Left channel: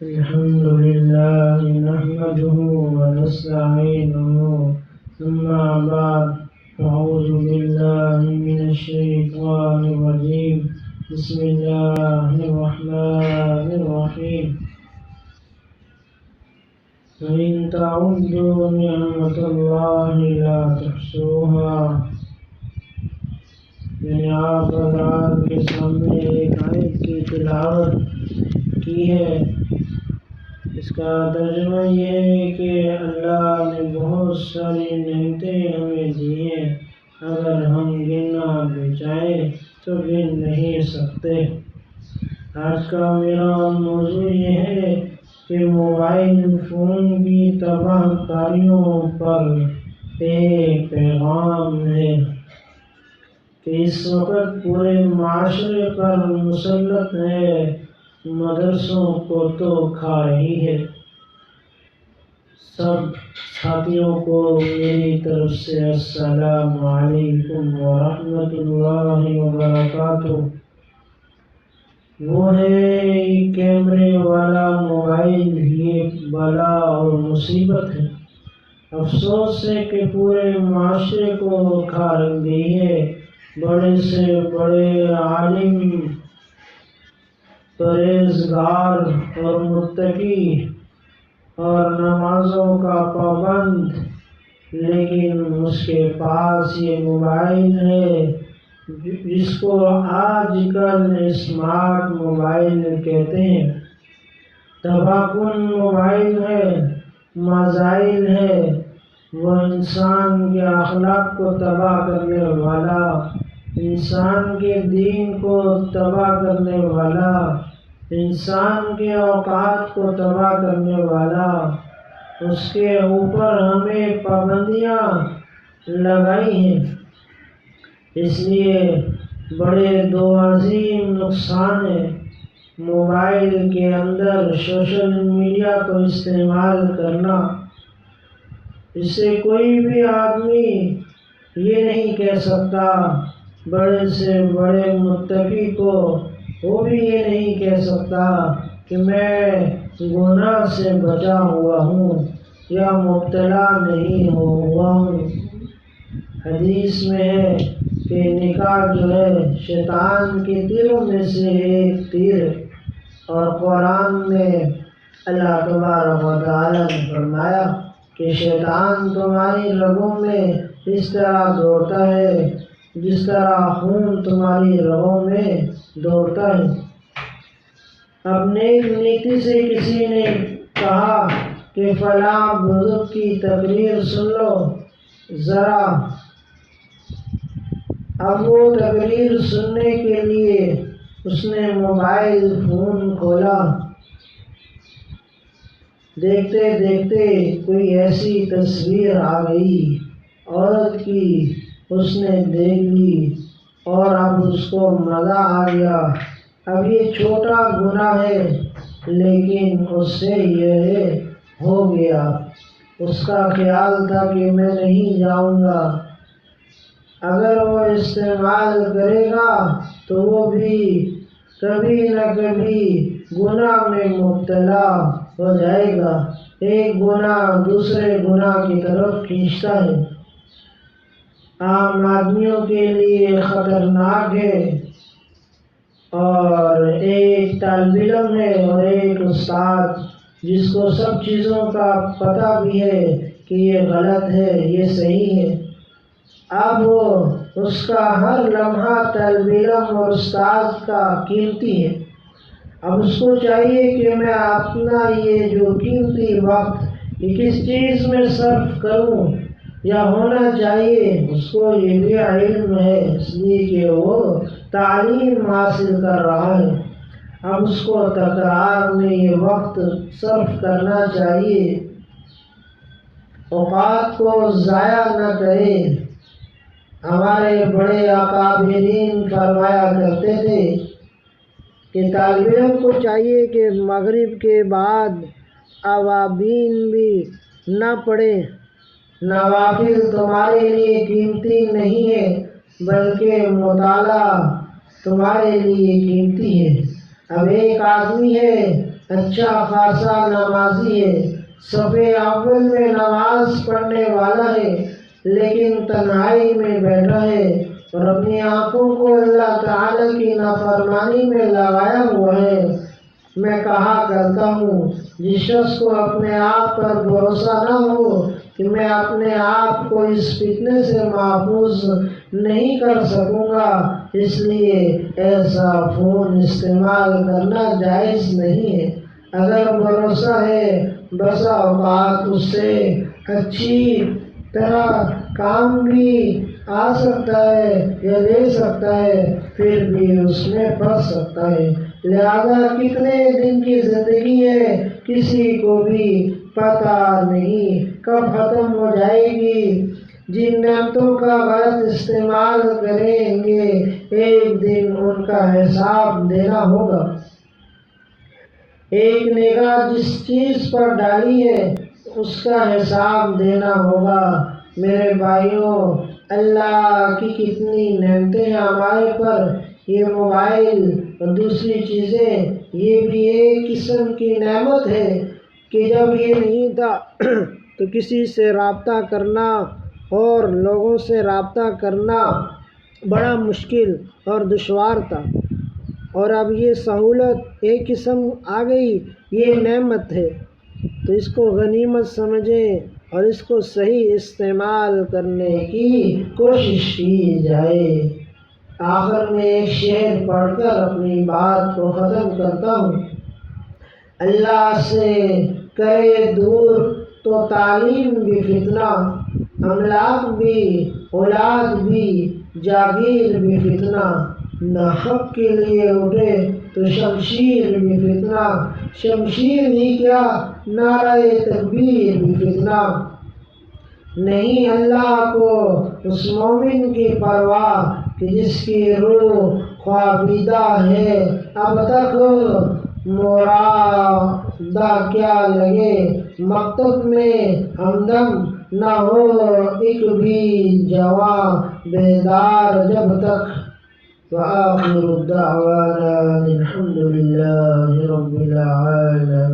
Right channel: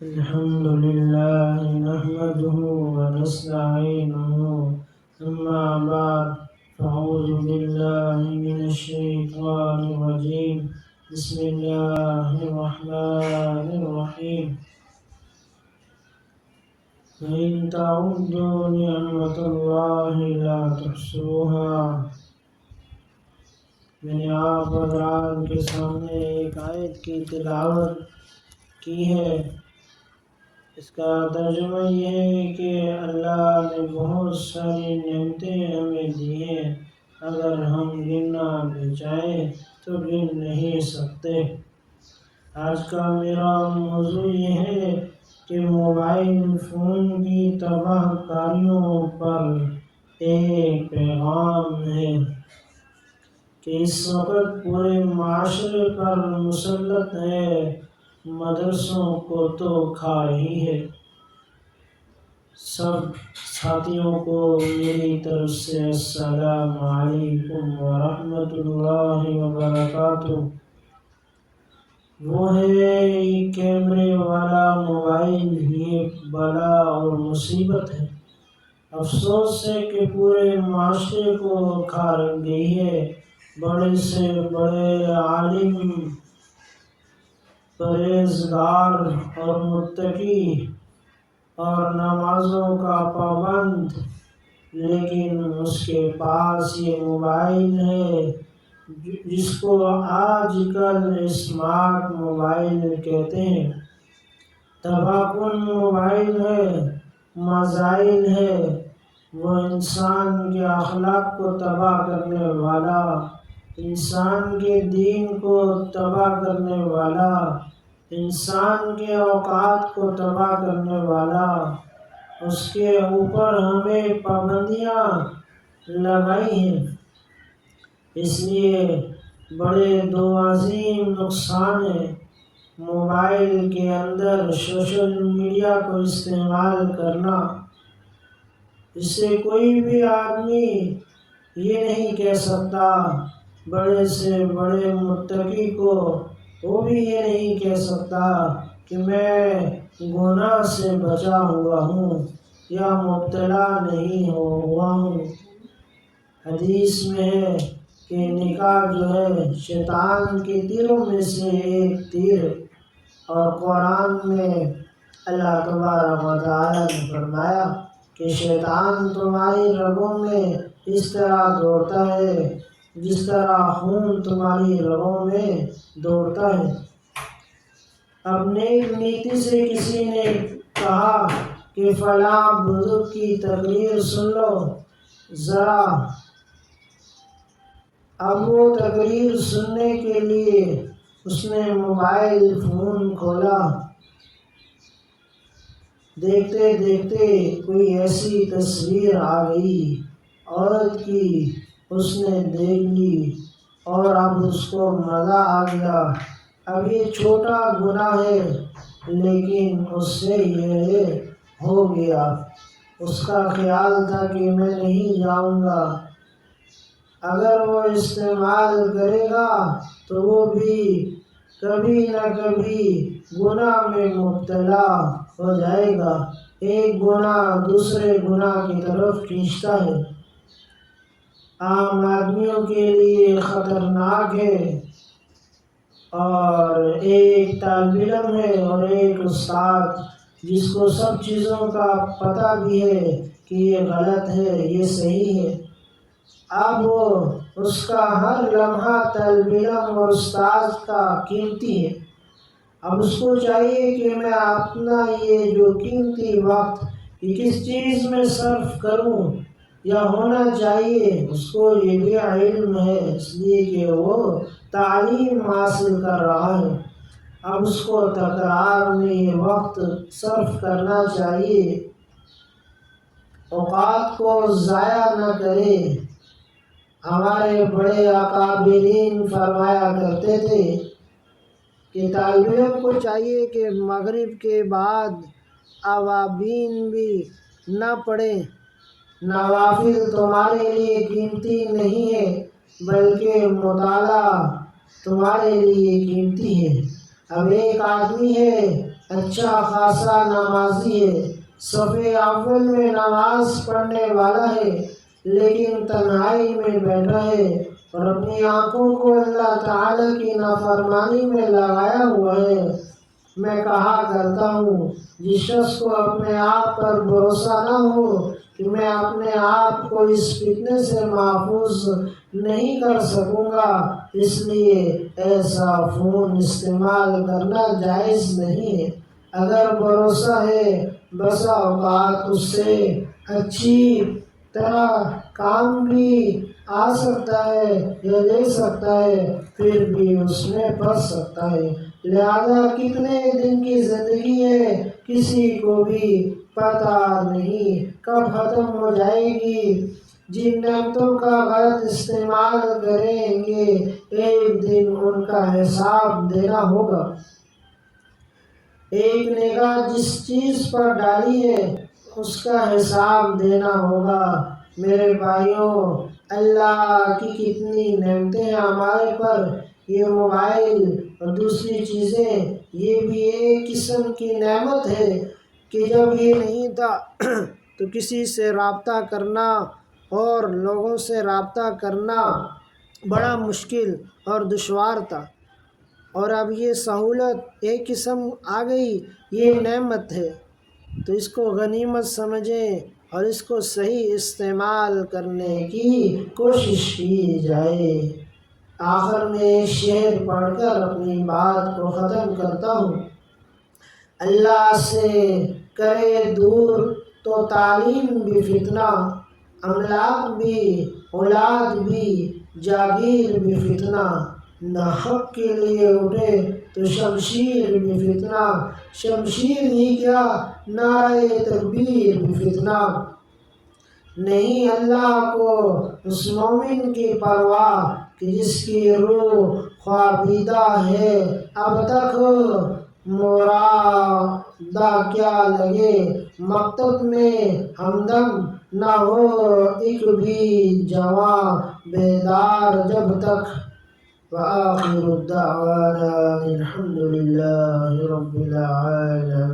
الحمد لله نحمده ونستعينه أما بعد فأعوذ بالله من الشيطان الرجيم بسم الله الرحمن الرحيم وإن تعدوا نعمة الله لا تحصوها. میں نے آپ حضرات کے سامنے ایک آیت کی تلاوت کی ہے. اس کا ترجمہ یہ ہے کہ اللہ نے بہت ساری نعمتیں ہمیں دی ہیں، اگر ہم گننا بھی چاہیں تو گن نہیں سکتے. آج کا میرا موضوع یہ ہے کہ موبائل فون کی تباہ کاریوں پر ایک پیغام ہے کہ اس وقت پورے معاشرے پر مسلط ہے، مدرسوں کو تو کھا رہی ہے. سب ساتھیوں کو میری طرف سے السلام علیکم ورحمۃ اللہ وبرکاتہ. وہ ہے کیمرے والا موبائل، یہ بلا اور مصیبت ہے. افسوس ہے کہ پورے معاشرے کو کھا گئی ہے. بڑے سے بڑے عالم، پرہیزگار اور متقی اور نمازوں کا پابند، لیکن اس کے پاس یہ موبائل ہے جس کو آج کل اسمارٹ موبائل کہتے ہیں. تباہ کن موبائل ہے، مزائل ہے. وہ انسان کے اخلاق کو تباہ کرنے والا، انسان کے دین کو تباہ کرنے والا، انسان کے اوقات کو تباہ کرنے والا. اس کے اوپر ہمیں پابندیاں لگائی ہیں. اس لیے بڑے دو عظیم نقصان ہیں. موبائل کے اندر سوشل میڈیا کو استعمال کرنا. اس سے کوئی بھی آدمی یہ نہیں کہہ سکتا، بڑے سے بڑے متقی کو وہ بھی یہ نہیں کہہ سکتا کہ میں گناہ سے بچا ہوا ہوں یا مبتلا نہیں ہوا ہوں. حدیث میں ہے کہ نکاح جو ہے شیطان کے تیروں میں سے ایک تیر ہے، اور قرآن میں اللہ تبارک و تعالی نے فرمایا کہ شیطان تمہاری رگوں میں اس طرح دوڑتا ہے جس طرح خون تمہاری رگوں میں دوڑتا ہے. اب نیک نیتی سے کسی نے کہا کہ فلاں بزرگ کی تقریر سن لو ذرا. اب وہ تقریر سننے کے لیے اس نے موبائل فون کھولا. دیکھتے دیکھتے کوئی ایسی تصویر آ گئی عورت کی، اس نے دیکھ لی اور اب اس کو مزہ آ گیا. اب یہ چھوٹا گناہ ہے لیکن اس سے یہ ہو گیا. اس کا خیال تھا کہ میں نہیں جاؤں گا، اگر وہ استعمال کرے گا تو وہ بھی کبھی نہ کبھی گناہ میں مبتلا ہو جائے گا. ایک گناہ دوسرے گناہ کی طرف کھینچتا ہے. عام آدمیوں کے لیے خطرناک ہے. اور ایک طالب علم ہے اور ایک استاد جس کو سب چیزوں کا پتہ بھی ہے کہ یہ غلط ہے یہ صحیح ہے. اب اس کا ہر لمحہ طالب علم اور استاد کا قیمتی ہے. اب اس کو چاہیے کہ میں اپنا یہ جو قیمتی وقت یہ کس چیز میں صرف کروں، یا ہونا چاہیے اس کو یہ بھی علم ہے اس لیے کہ وہ تعلیم حاصل کر رہا ہے. اب اس کو تکرار میں یہ وقت صرف کرنا چاہیے. اوقات کو ضائع نہ کرے. ہمارے بڑے اکابرین فرمایا کرتے تھے کہ طالب علم کو چاہیے کہ مغرب کے بعد اوابین بھی نہ پڑھے. نوافل تمہارے لیے قیمتی نہیں ہے بلکہ مطالعہ تمہارے لیے قیمتی ہے. اب ایک آدمی ہے اچھا خاصا نمازی ہے، صف اول میں نماز پڑھنے والا ہے، لیکن تنہائی میں بیٹھا ہے اور اپنی آنکھوں کو اللہ تعالی کی نافرمانی میں لگایا ہوا ہے۔ میں کہا کرتا ہوں، جس شخص کو اپنے آپ پر بھروسہ نہ ہو کہ میں اپنے آپ کو اس فتنے سے محفوظ نہیں کر سکوں گا، اس لیے ایسا فون استعمال کرنا جائز نہیں ہے۔ اگر بھروسہ ہے، بسا اوقات اس سے اچھی طرح کام بھی آ سکتا ہے یا دے سکتا ہے، پھر بھی اس میں پھنس سکتا ہے۔ لہذا کتنے دن کی زندگی ہے، کسی کو بھی پتہ نہیں کب ختم ہو جائے گی۔ جن نعمتوں کا غلط استعمال کریں گے، ایک دن ان کا حساب دینا ہوگا۔ ایک نگاہ جس چیز پر ڈالی ہے، اس کا حساب دینا ہوگا۔ میرے بھائیوں، اللہ کی کتنی نعمتیں ہیں ہمارے پر۔ یہ موبائل اور دوسری چیزیں، یہ بھی ایک قسم کی نعمت ہے کہ جب یہ نہیں تھا تو کسی سے رابطہ کرنا اور لوگوں سے رابطہ کرنا بڑا مشکل اور دشوار تھا، اور اب یہ سہولت ایک قسم آ گئی، یہ نعمت ہے، تو اس کو غنیمت سمجھیں اور اس کو صحیح استعمال کرنے کی کوشش کی جائے۔ آخر میں ایک شعر پڑھ کر اپنی بات کو ختم کرتا ہوں۔ اللہ سے کرے دور تو تعلیم بھی فتنہ، املاک بھی، اولاد بھی، جاگیر بھی فتنہ، نہ حق کے لیے اٹھے تو شمشیر بھی فتنہ، شمشیر ہی کیا نعرہ تکبیر بھی فتنہ۔ نہیں اللہ کو اس مومن کی پرواہ کہ جس کی روح خوابیدہ ہے، اب تک مرادہ کیا لگے، مکتب میں ہمدم نہ ہو ایک بھی جواں بیدار جب تک۔ وآخر الدعوانا الحمد للہ رب العالمین۔